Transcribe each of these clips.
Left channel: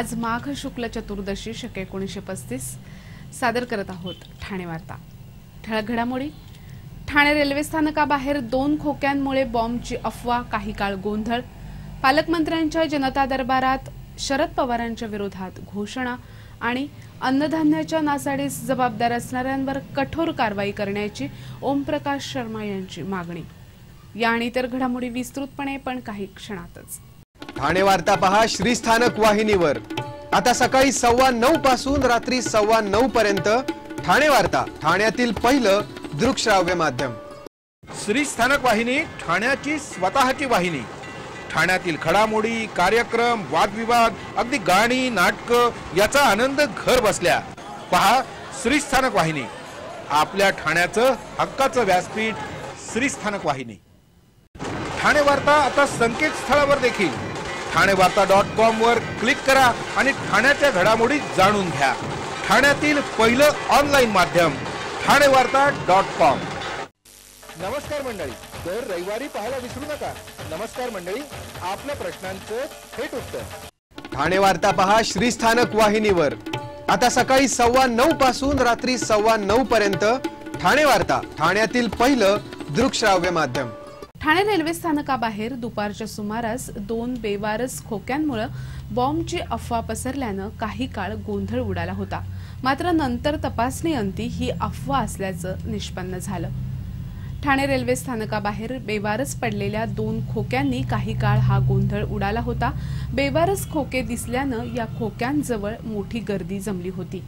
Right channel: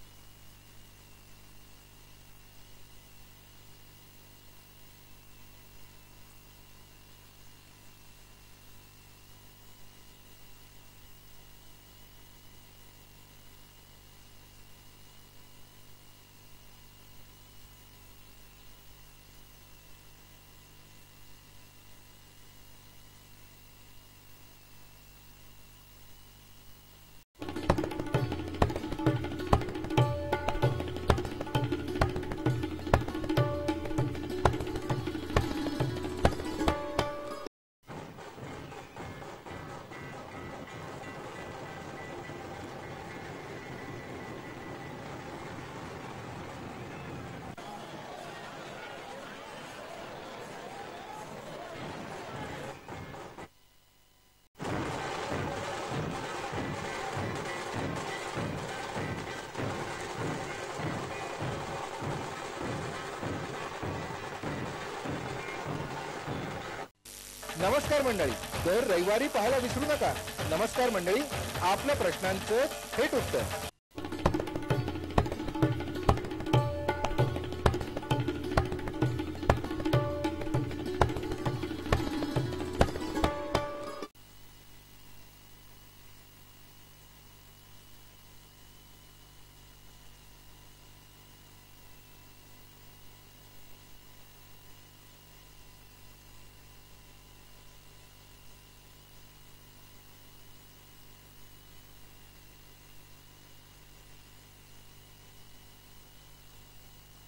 आज माघ शुक्ल चतुर्दशी शके 1935 सादर करत आहोत ठाणे वार्ता। ठळक घडामोडी। ठाणे रेल्वे स्थानकाबाहेर 2 खोक्यांमुळे बॉम्बची अफवा, काही काळ गोंधळ। पालकमंत्र्यांच्या जनता दरबारात शरद पवारांच्या विरोधात घोषणा आणि अन्नधान्याच्या नासाडीस जबाबदार असणाऱ्यांवर कठोर कारवाई करण्याची ओमप्रकाश शर्मा यांची मागणी। या आणि इतर घडामोडी विस्तृतपणे पण काही क्षणातच। ठाणे वार्ता पहा श्रीस्थानक वाहिनीवर। आता सकाळी 9:15 पासून रात्री 9:15 पर्यंत ठाणे वार्ता, ठाण्यातील पहिलं दृकश्राव्य माध्यम। श्रीस्थानक वाहिनी ठाण्याची स्वतःची वाहिनी। ठाण्यातील घडामोडी, कार्यक्रम, वादविवाद, अगदी गाणी, नाटक याचा आनंद घर बसल्या पहा श्रीस्थानक वाहिनी। आपल्या ठाण्याचं हक्काचं व्यासपीठ श्रीस्थानक वाहिनी। ठाणे वार्ता आता संकेतस्थळावर देखील ठाणेवार्ता.com वर क्लिक करा आणि ठाण्याच्या घडामोडी जाणून घ्या। ठाण्यातील पहिलं ऑनलाईन माध्यम ठाणेवार्ता.com। नमस्कार मंडळी, दर रविवारी पाहायला विसरू नका। नमस्कार मंडळी, आपल्या प्रश्नांचं थेट उत्तर। ठाणे वार्ता पहा श्रीस्थानक वाहिनीवर। आता सकाळी 9:15 पासून रात्री 9:15 पर्यंत ठाणे वार्ता, ठाण्यातील पहिलं दृकश्राव्य माध्यम। ठाणे रेल्वे स्थानकाबाहेर दुपारच्या सुमारास 2 बेवारस खोक्यांमुळे बॉम्बची अफवा पसरल्यानं काही काळ गोंधळ उडाला होता। मात्र नंतर तपासणीअंती ही अफवा असल्याचं निष्पन्न झालं। ठाणे रेल्वे स्थानकाबाहेर बेवारस पडलेल्या 2 खोक्यांनी काही काळ हा गोंधळ उडाला होता। बेवारस खोके दिसल्यानं या खोक्यांजवळ मोठी गर्दी जमली होती।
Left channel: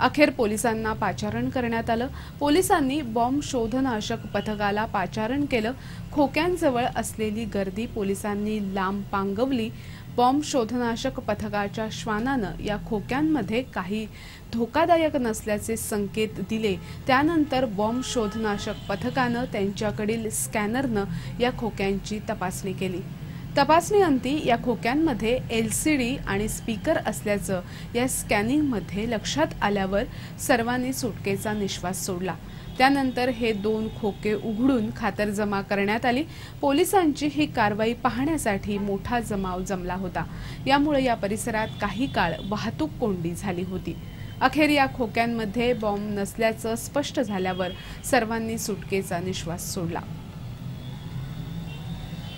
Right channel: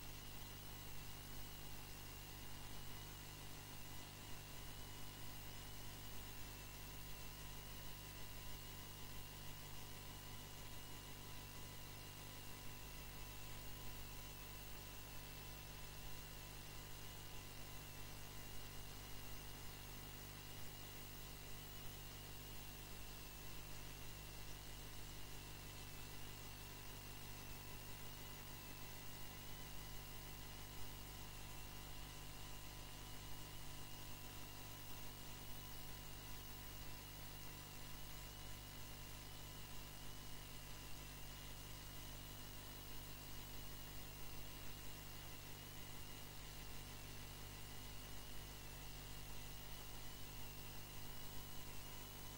अखेर पोलिसांना पाचारण करण्यात आलं। पोलिसांनी बॉम्ब शोधनाशक पथकाला पाचारण केलं। खोक्यांजवळ असलेली गर्दी पोलिसांनी लांब पांगवली। बॉम्ब शोधनाशक पथकाच्या श्वानानं या खोक्यांमध्ये काही धोकादायक नसल्याचे संकेत दिले। त्यानंतर बॉम्ब शोधनाशक पथकानं त्यांच्याकडील स्कॅनरनं या खोक्यांची तपासणी केली। तपासणीअंती या खोक्यांमध्ये LCD आणि स्पीकर असल्याचं या स्कॅनिंगमध्ये लक्षात आल्यावर सर्वांनी सुटकेचा निश्वास सोडला। त्यानंतर हे 2 खोके उघडून खातरजमा करण्यात आली। पोलिसांची ही कारवाई पाहण्यासाठी मोठा जमाव जमला होता। यामुळे या परिसरात काही काळ वाहतूक कोंडी झाली होती। अखेर या खोक्यांमध्ये बॉम्ब नसल्याचं स्पष्ट झाल्यावर सर्वांनी सुटकेचा निश्वास सोडला।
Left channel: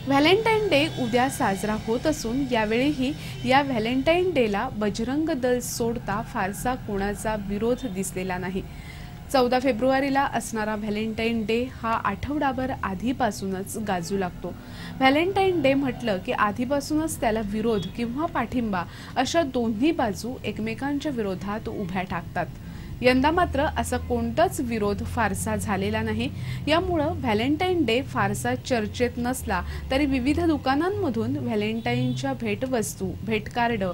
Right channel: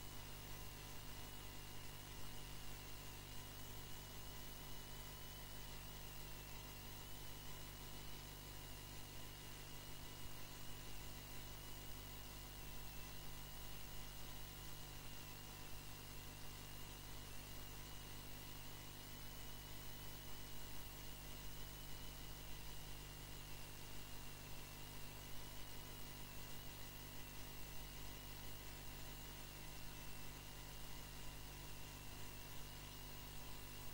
व्हॅलेंटाईन डे उद्या साजरा होत असून यावेळीही या व्हॅलेंटाईन डेला बजरंग दल सोडता फारसा कोणाचा विरोध दिसलेला नाही। 14 फेब्रुवारीला असणारा व्हॅलेंटाईन डे हा आठवडाभर आधीपासूनच गाजू लागतो। व्हॅलेंटाईन डे म्हटलं की आधीपासूनच त्याला विरोध किंवा पाठिंबा अशा दोन्ही बाजू एकमेकांच्या विरोधात उभ्या टाकतात। यंदा मात्र असा कोणताच विरोध फारसा झालेला नाही। यामुळे व्हॅलेंटाईन डे फारसा चर्चेत नसला तरी विविध दुकानांमधून व्हॅलेंटाईनच्या भेटवस्तू, भेटकार्ड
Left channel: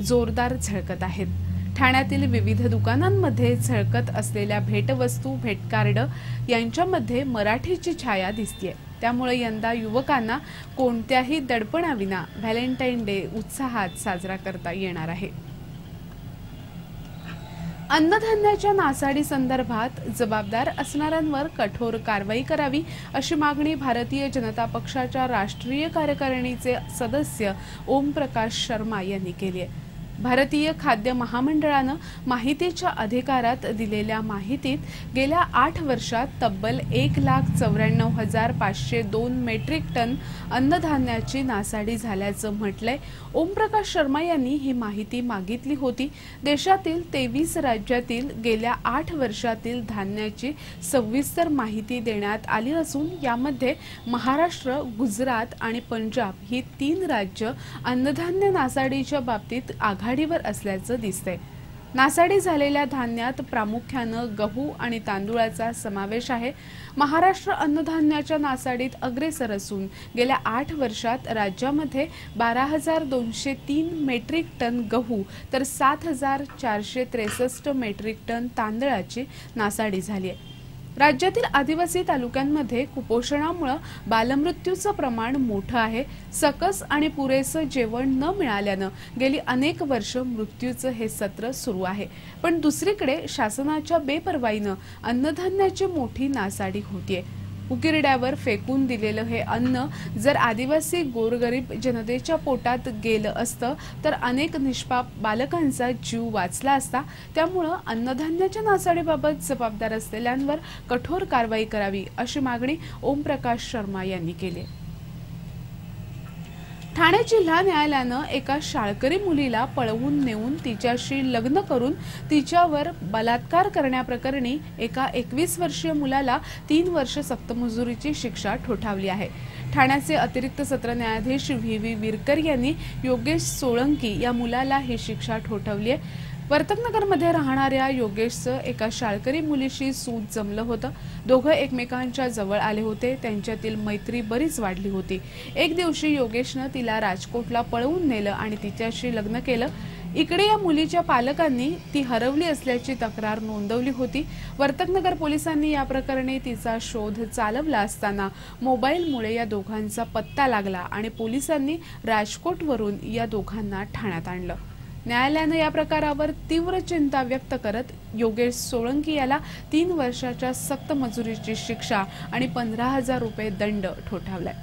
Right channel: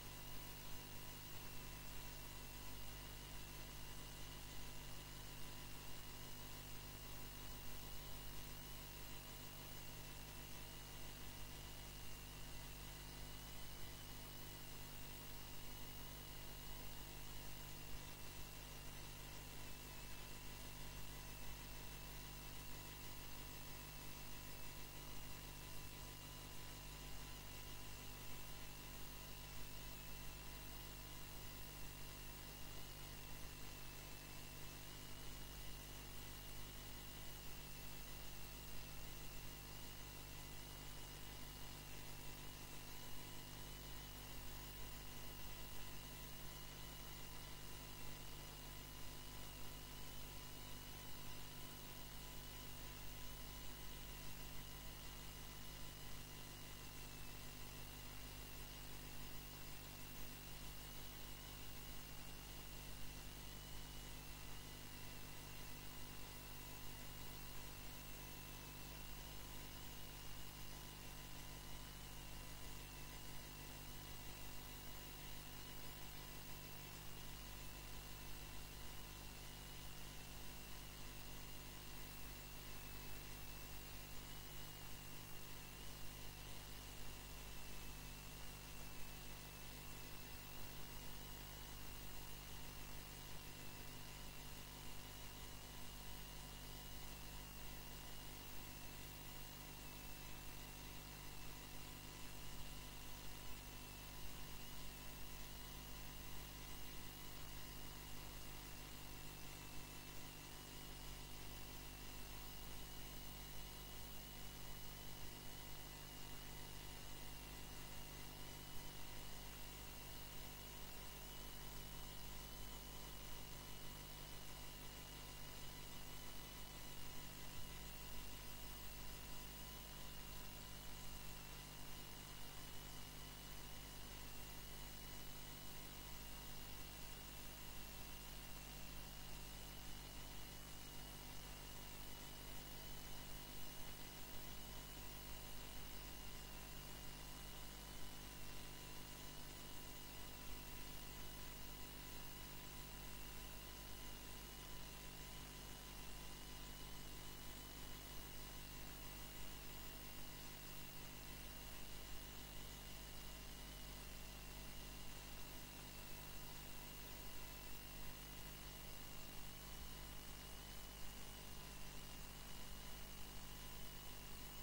जोरदार झळकत आहेत। ठाण्यातील विविध दुकानांमध्ये झळकत असलेल्या भेटवस्तू, भेटकार्ड यांच्यामध्ये मराठीची छाया दिसतेय। त्यामुळे यंदा युवकांना कोणत्याही दडपणाविना व्हॅलेंटाईन डे उत्साहात साजरा करता येणार आहे। अन्नधान्याच्या नासाडी संदर्भात जबाबदार असणाऱ्यांवर कठोर कारवाई करावी अशी मागणी भारतीय जनता पक्षाच्या राष्ट्रीय कार्यकारिणीचे सदस्य ओमप्रकाश शर्मा यांनी केली आहे। भारतीय खाद्य महामंडळानं माहितीच्या अधिकारात दिलेल्या माहितीत गेल्या 8 वर्षात तब्बल 1,94,502 मेट्रिक टन अन्नधान्याची नासाडी झाल्याचं म्हटलंय। ओमप्रकाश शर्मा यांनी ही माहिती मागितली होती। देशातील 23 राज्यातील गेल्या 8 वर्षातील धान्याची सविस्तर माहिती देण्यात आली असून यामध्ये महाराष्ट्र, गुजरात आणि पंजाब ही 3 राज्य अन्नधान्य नासाडीच्या बाबतीत आघाडीवर असल्याचं दिसतंय। नासाडी झालेल्या धान्यात प्रामुख्यानं गहू आणि तांदूळाचा समावेश आहे। महाराष्ट्र अन्नधान्याच्या नासाडीत अग्रेसर असून गेल्या 8 वर्षात राज्यामध्ये 12,203 मेट्रिक टन गहू तर 7,463 मेट्रिक टन तांदळाची नासाडी झाली आहे। राज्यातील आदिवासी तालुक्यांमध्ये कुपोषणामुळे बालमृत्यूचं प्रमाण मोठं आहे। सकस आणि पुरेसं जेवण न मिळाल्यानं गेली अनेक वर्ष मृत्यूचं हे सत्र सुरू आहे। पण दुसरीकडे शासनाच्या बेपर्वाईनं अन्नधान्याची मोठी नासाडी होतीये। उकिरड्यावर फेकून दिलेलं हे अन्न जर आदिवासी गोरगरीब जनतेच्या पोटात गेलं असतं तर अनेक निष्पाप बालकांचा जीव वाचला असता। त्यामुळे अन्नधान्याच्या नासाडीबाबत जबाबदार असलेल्यांवर कठोर कारवाई करावी अशी मागणी ओमप्रकाश शर्मा यांनी केली। ठाणे जिल्हा न्यायालयानं एका शाळकरी मुलीला पळवून नेऊन तिच्याशी लग्न करून तिच्यावर बलात्कार करण्याप्रकरणी एका 21 वर्षीय मुलाला 3 वर्ष सक्तमजुरीची शिक्षा ठोठावली आहे। ठाण्याचे अतिरिक्त सत्र न्यायाधीश व्ही विरकर यांनी योगेश सोळंकी या मुलाला ही शिक्षा ठोठावली आहे। वर्तकनगरमध्ये राहणाऱ्या योगेशचं एका शाळकरी मुलीशी सूत जमलं होतं। दोघं एकमेकांच्या जवळ आले होते। त्यांच्यातील मैत्री बरीच वाढली होती। एक दिवशी योगेशनं तिला राजकोटला पळवून नेलं आणि तिच्याशी लग्न केलं। इकडे या मुलीच्या पालकांनी ती हरवली असल्याची तक्रार नोंदवली होती। वर्तकनगर पोलिसांनी या प्रकरणी तिचा शोध चालवला असताना मोबाईलमुळे या दोघांचा पत्ता लागला आणि पोलिसांनी राजकोटवरून या दोघांना ठाण्यात आणलं। न्यायालयाने या प्रकारावर तीव्र चिंता व्यक्त करत योगेश सोळंकी याला 3 वर्षाच्या सक्त मजुरीची शिक्षा आणि 15,000 रुपये दंड ठोठावलाय।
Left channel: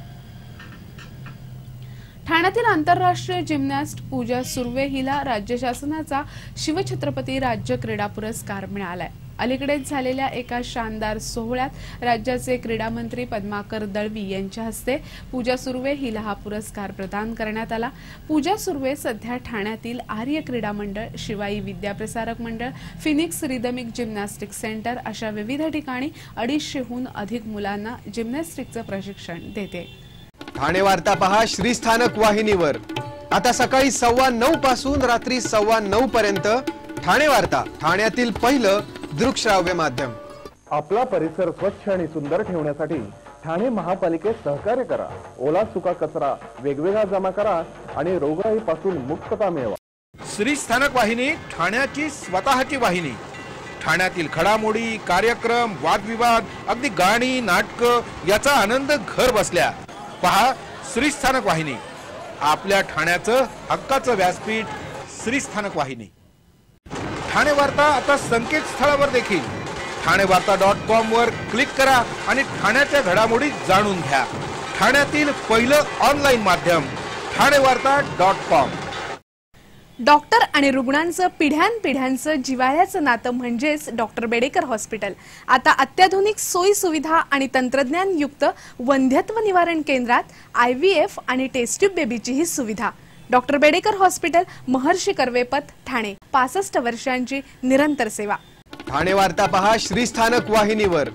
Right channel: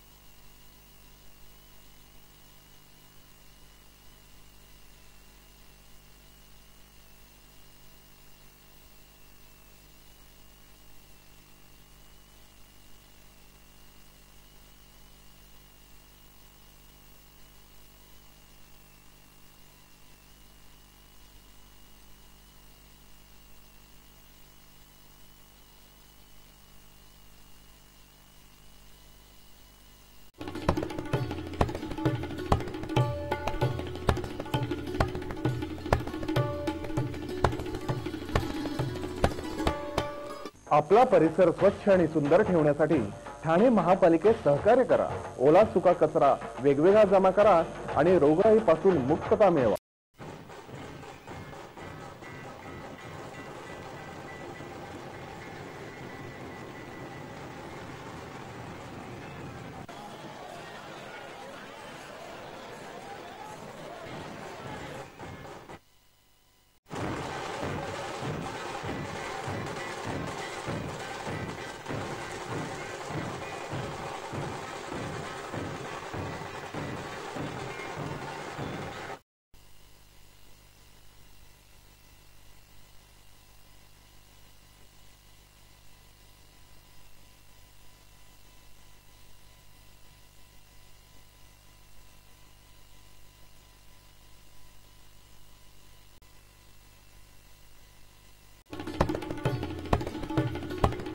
ठाण्यातील आंतरराष्ट्रीय जिम्नॅस्ट पूजा सुर्वे हिला राज्य शासनाचा शिवछत्रपती राज्य क्रीडा पुरस्कार मिळालाय। अलीकडेच झालेल्या एका शानदार सोहळ्यात राज्याचे क्रीडा मंत्री पद्माकर दळवी यांच्या हस्ते पूजा सुर्वे हिला हा पुरस्कार प्रदान करण्यात आला। पूजा सुर्वे सध्या ठाण्यातील आर्य क्रीडा मंडळ, शिवाई विद्याप्रसारक मंडळ, फिनिक्स रिदमिक जिम्नॅस्टिक सेंटर अशा विविध ठिकाणी 250हून अधिक मुलांना जिम्नॅस्टिकचं प्रशिक्षण देते। ठाणे वार्ता पहा श्रीस्थानक वाहिनीवर। आता सकाळी 9:15 पासून रात्री 9:15 पर्यंत ठाणे वार्ता, ठाण्यातील पहिलं दृकश्राव्य माध्यम। आपला परिसर स्वच्छ आणि सुंदर ठेवण्यासाठी ठाणे महापालिकेत सहकार्य करा। ओला सुका कचरा वेगवेगळा जमा करा आणि रोगराईपासून मुक्तता मिळवा। श्रीस्थानक वाहिनी ठाण्याची स्वतःची वाहिनी। ठाण्यातील घडामोडी, कार्यक्रम, वादविवाद, अगदी गाणी, नाटकं याचा आनंद घर बसल्या पहा श्रीस्थानक वाहिनी। आपल्या ठाण्याचं हक्काचं व्यासपीठ श्रीस्थानक वाहिनी। ठाणे वार्ता आता संकेतस्थळावर देखील ठाणेवार्ता.com वर क्लिक करा आणि ठाण्याच्या घडामोडी जाणून घ्या। ठाण्यातील पहिलं ऑनलाईन माध्यम ठाणेवार्ता.com। डॉक्टर आणि रुग्णांचं पिढ्यानपिढ्यांचं जिव्हाळ्याचं नातं म्हणजेच डॉक्टर बेडेकर हॉस्पिटल। आता अत्याधुनिक सोयी सुविधा आणि तंत्रज्ञान युक्त वंध्यत्व निवारण केंद्रात IVF आणि टेस्ट ट्यूब बेबीची ही सुविधा। डॉक्टर बेडेकर हॉस्पिटल, महर्षी कर्वेपथ, ठाणे। 65 वर्षांची निरंतर सेवा। ठाणे वार्ता पहा श्रीस्थानक वाहिनीवर।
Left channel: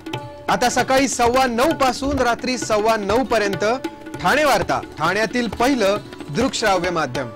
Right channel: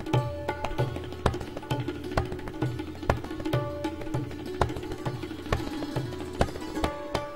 आता सकाळी 9:15 पासून रात्री 9:15 पर्यंत ठाणे वार्ता, ठाण्यातील पहिलं दृकश्राव्य माध्यम।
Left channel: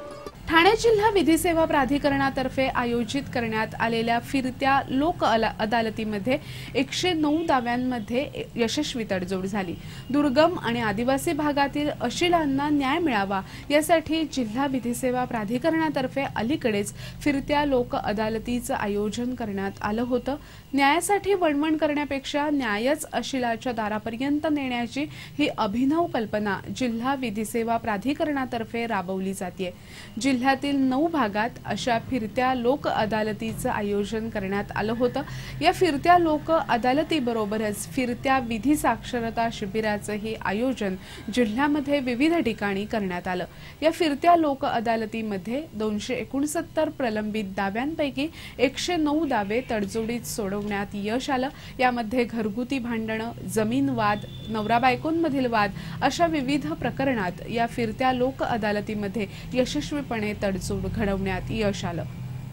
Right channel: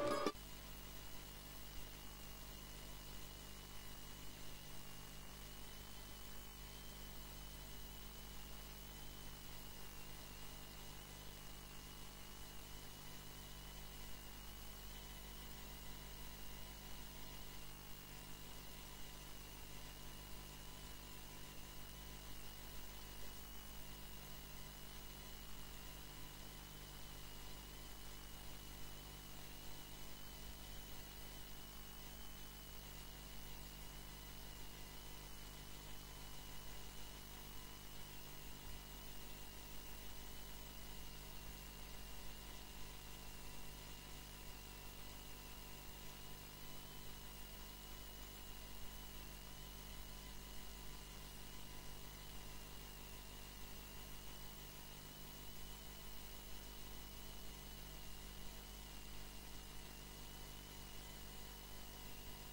ठाणे जिल्हा विधी सेवा प्राधिकरणातर्फे आयोजित करण्यात आलेल्या फिरत्या लोक अदालतीमध्ये 109 दाव्यांमध्ये यशस्वी तडजोड झाली। दुर्गम आणि आदिवासी भागातील अशिलांना न्याय मिळावा यासाठी जिल्हा विधी सेवा प्राधिकरणातर्फे अलीकडेच फिरत्या लोक अदालतीचं आयोजन करण्यात आलं होतं। न्यायासाठी वणवण करण्यापेक्षा न्यायच अशिलाच्या दारापर्यंत नेण्याची ही अभिनव कल्पना जिल्हा विधी सेवा प्राधिकरणातर्फे राबवली जाते। जिल्ह्यातील 9 भागात अशा फिरत्या लोक अदालतीचं आयोजन करण्यात आलं होतं। या फिरत्या लोक अदालतीबरोबरच फिरत्या विधी साक्षरता शिबिराचंही आयोजन जिल्ह्यामध्ये विविध ठिकाणी करण्यात आलं। या फिरत्या लोक अदालतीमध्ये 269 प्रलंबित दाव्यांपैकी 109 दावे तडजोडीत सोडवण्यात यश आलं। यामध्ये घरगुती भांडणं, जमीन वाद, नवरा बायकोंमधील वाद अशा विविध प्रकरणात या फिरत्या लोक अदालतीमध्ये यशस्वीपणे तडजोड घडवण्यात यश आलं।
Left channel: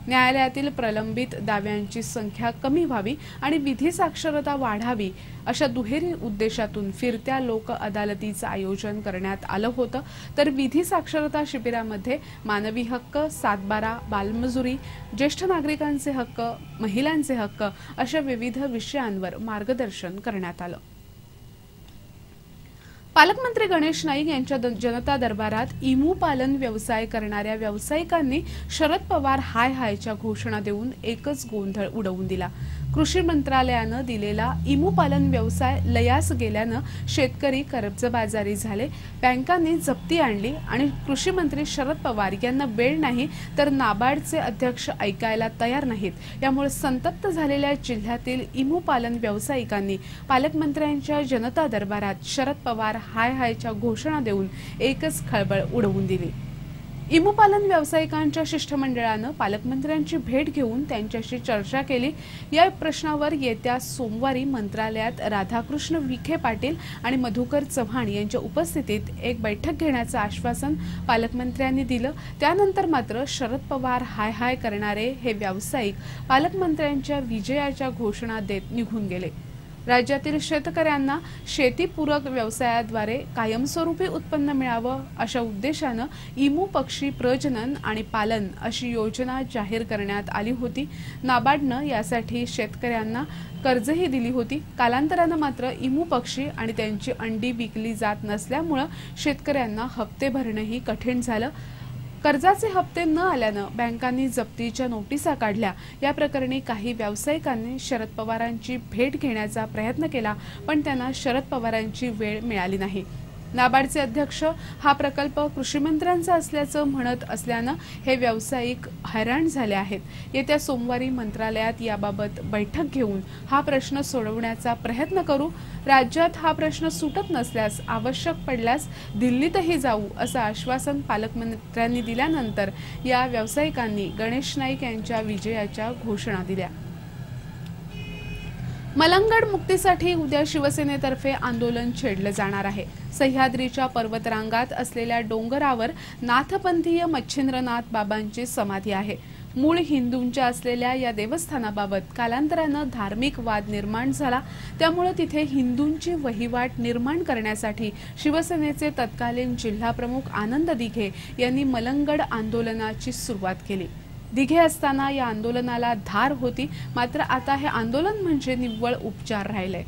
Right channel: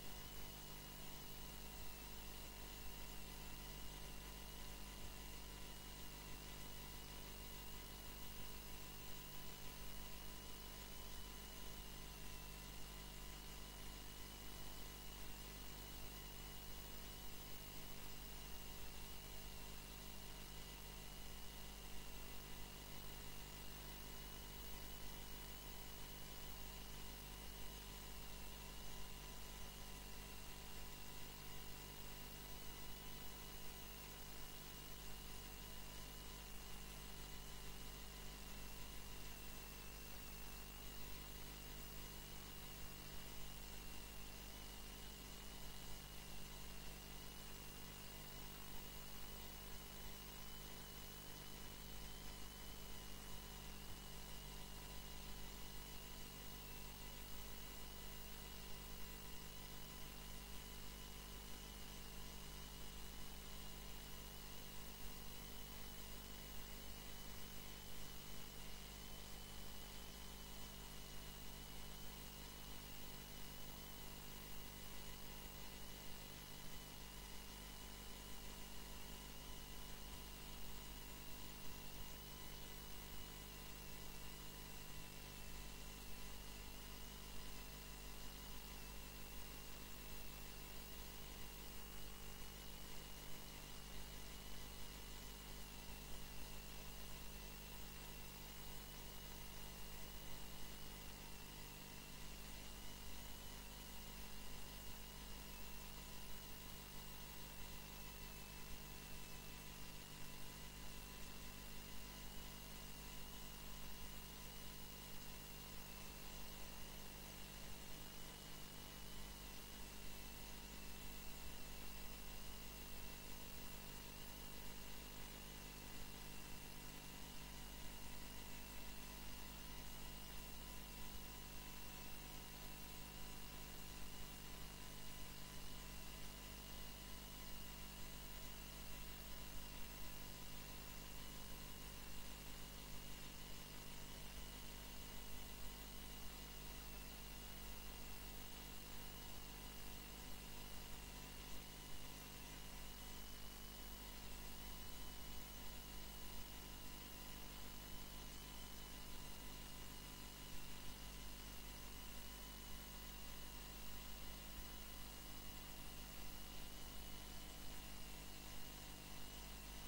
न्यायालयातील प्रलंबित दाव्यांची संख्या कमी व्हावी आणि विधी साक्षरता वाढावी अशा दुहेरी उद्देशातून फिरत्या लोक अदालतीचं आयोजन करण्यात आलं होतं। तर विधी साक्षरता शिबिरामध्ये मानवी हक्क, 7/12, बालमजुरी, ज्येष्ठ नागरिकांचे हक्क, महिलांचे हक्क अशा विविध विषयांवर मार्गदर्शन करण्यात आलं। पालकमंत्री गणेश नाईक यांच्या जनता दरबारात इमू पालन व्यवसाय करणाऱ्या व्यावसायिकांनी शरद पवार हाय हायच्या घोषणा देऊन एकच गोंधळ उडवून दिला। कृषी मंत्रालयानं दिलेला इमू पालन व्यवसाय लयास गेल्यानं शेतकरी कर्जबाजारी झाले, बँकांनी जप्ती आणली आणि कृषी मंत्री शरद पवार यांना वेळ नाही तर नाबार्डचे अध्यक्ष ऐकायला तयार नाहीत। यामुळे संतप्त झालेल्या जिल्ह्यातील इमू पालन व्यावसायिकांनी पालकमंत्र्यांच्या जनता दरबारात शरद पवार हाय हायच्या घोषणा देऊन एकच खळबळ उडवून दिली। इमू पालन व्यावसायिकांच्या शिष्टमंडळानं पालकमंत्र्यांची भेट घेऊन त्यांच्याशी चर्चा केली। या प्रश्नावर येत्या सोमवारी मंत्रालयात राधाकृष्ण विखे पाटील आणि मधुकर चव्हाण यांच्या उपस्थितीत एक बैठक घेण्याचं आश्वासन पालकमंत्र्यांनी दिलं। त्यानंतर मात्र शरद पवार हाय हाय करणारे हे व्यावसायिक पालकमंत्र्यांच्या विजयाच्या घोषणा देत निघून गेले। राज्यातील शेतकऱ्यांना शेतीपूरक व्यवसायाद्वारे कायमस्वरूपी उत्पन्न मिळावं अशा उद्देशानं इमू पक्षी प्रजनन आणि पालन अशी योजना जाहीर करण्यात आली होती। नाबार्डनं यासाठी शेतकऱ्यांना कर्जही दिली होती। कालांतरानं मात्र इमू पक्षी आणि त्यांची अंडी विकली जात नसल्यामुळे शेतकऱ्यांना हप्ते भरणंही कठीण झालं। कर्जाचे हप्ते न आल्यानं बँकांनी जप्तीच्या नोटिसा काढल्या। या प्रकरणी काही व्यावसायिकांनी शरद पवारांची भेट घेण्याचा प्रयत्न केला, पण त्यांना शरद पवारांची वेळ मिळाली नाही। नाबार्डचे अध्यक्ष हा प्रकल्प कृषी मंत्र्यांचा असल्याचं म्हणत असल्यानं हे व्यावसायिक हैराण झाले आहेत। येत्या सोमवारी मंत्रालयात याबाबत बैठक घेऊन हा प्रश्न सोडवण्याचा प्रयत्न करू। राज्यात हा प्रश्न सुटत नसल्यास आवश्यक पडल्यास दिल्लीतही जाऊ असं आश्वासन पालकमंत्र्यांनी दिल्यानंतर या व्यावसायिकांनी गणेश नाईक यांच्या विजयाच्या घोषणा दिल्या। मलंगड मुक्तीसाठी उद्या शिवसेनेतर्फे आंदोलन छेडलं जाणार आहे। सह्याद्रीच्या पर्वतरांगात असलेल्या डोंगरावर नाथपंथीय मच्छिंद्रनाथ बाबांची समाधी आहे। मूळ हिंदूंच्या असलेल्या या देवस्थानाबाबत कालांतरानं धार्मिक वाद निर्माण झाला, त्यामुळे तिथे हिंदूंची वहिवाट निर्माण करण्यासाठी शिवसेनेचे तत्कालीन जिल्हाप्रमुख आनंद दिघे यांनी मलंगड आंदोलनाची सुरुवात केली। दिघे असताना या आंदोलनाला धार होती, मात्र आता हे आंदोलन म्हणजे निव्वळ उपचार राहिले।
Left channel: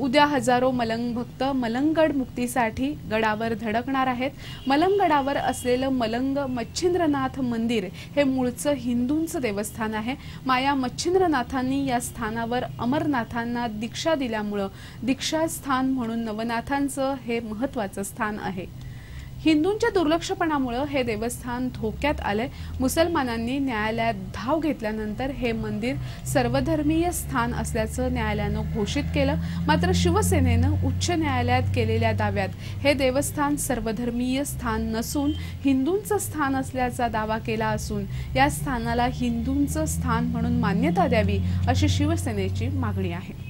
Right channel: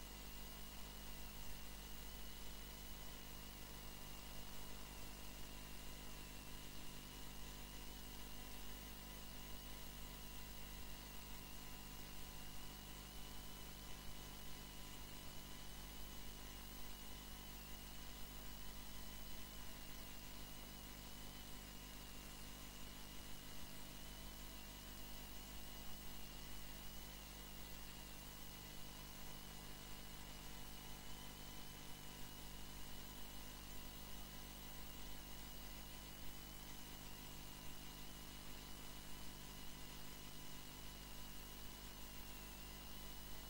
उद्या हजारो मलंग भक्त मलंगड मुक्तीसाठी गडावर धडकणार आहेत। मलंगडावर असलेलं मलंग मच्छिंद्रनाथ मंदिर हे मूळचं हिंदूंचं देवस्थान आहे। माया मच्छिंद्रनाथांनी या स्थानावर अमरनाथांना दीक्षा दिल्यामुळं दीक्षा स्थान म्हणून नवनाथांचं हे महत्त्वाचं स्थान आहे। हिंदूंच्या दुर्लक्षपणामुळे हे देवस्थान धोक्यात आले। मुसलमानांनी न्यायालयात धाव घेतल्यानंतर हे मंदिर सर्वधर्मीय स्थान असल्याचं न्यायालयानं घोषित केलं, मात्र शिवसेनेनं उच्च न्यायालयात केलेल्या दाव्यात हे देवस्थान सर्वधर्मीय स्थान नसून हिंदूंचं स्थान असल्याचा दावा केला असून या स्थानाला हिंदूंचं स्थान म्हणून मान्यता द्यावी अशी शिवसेनेची मागणी आहे।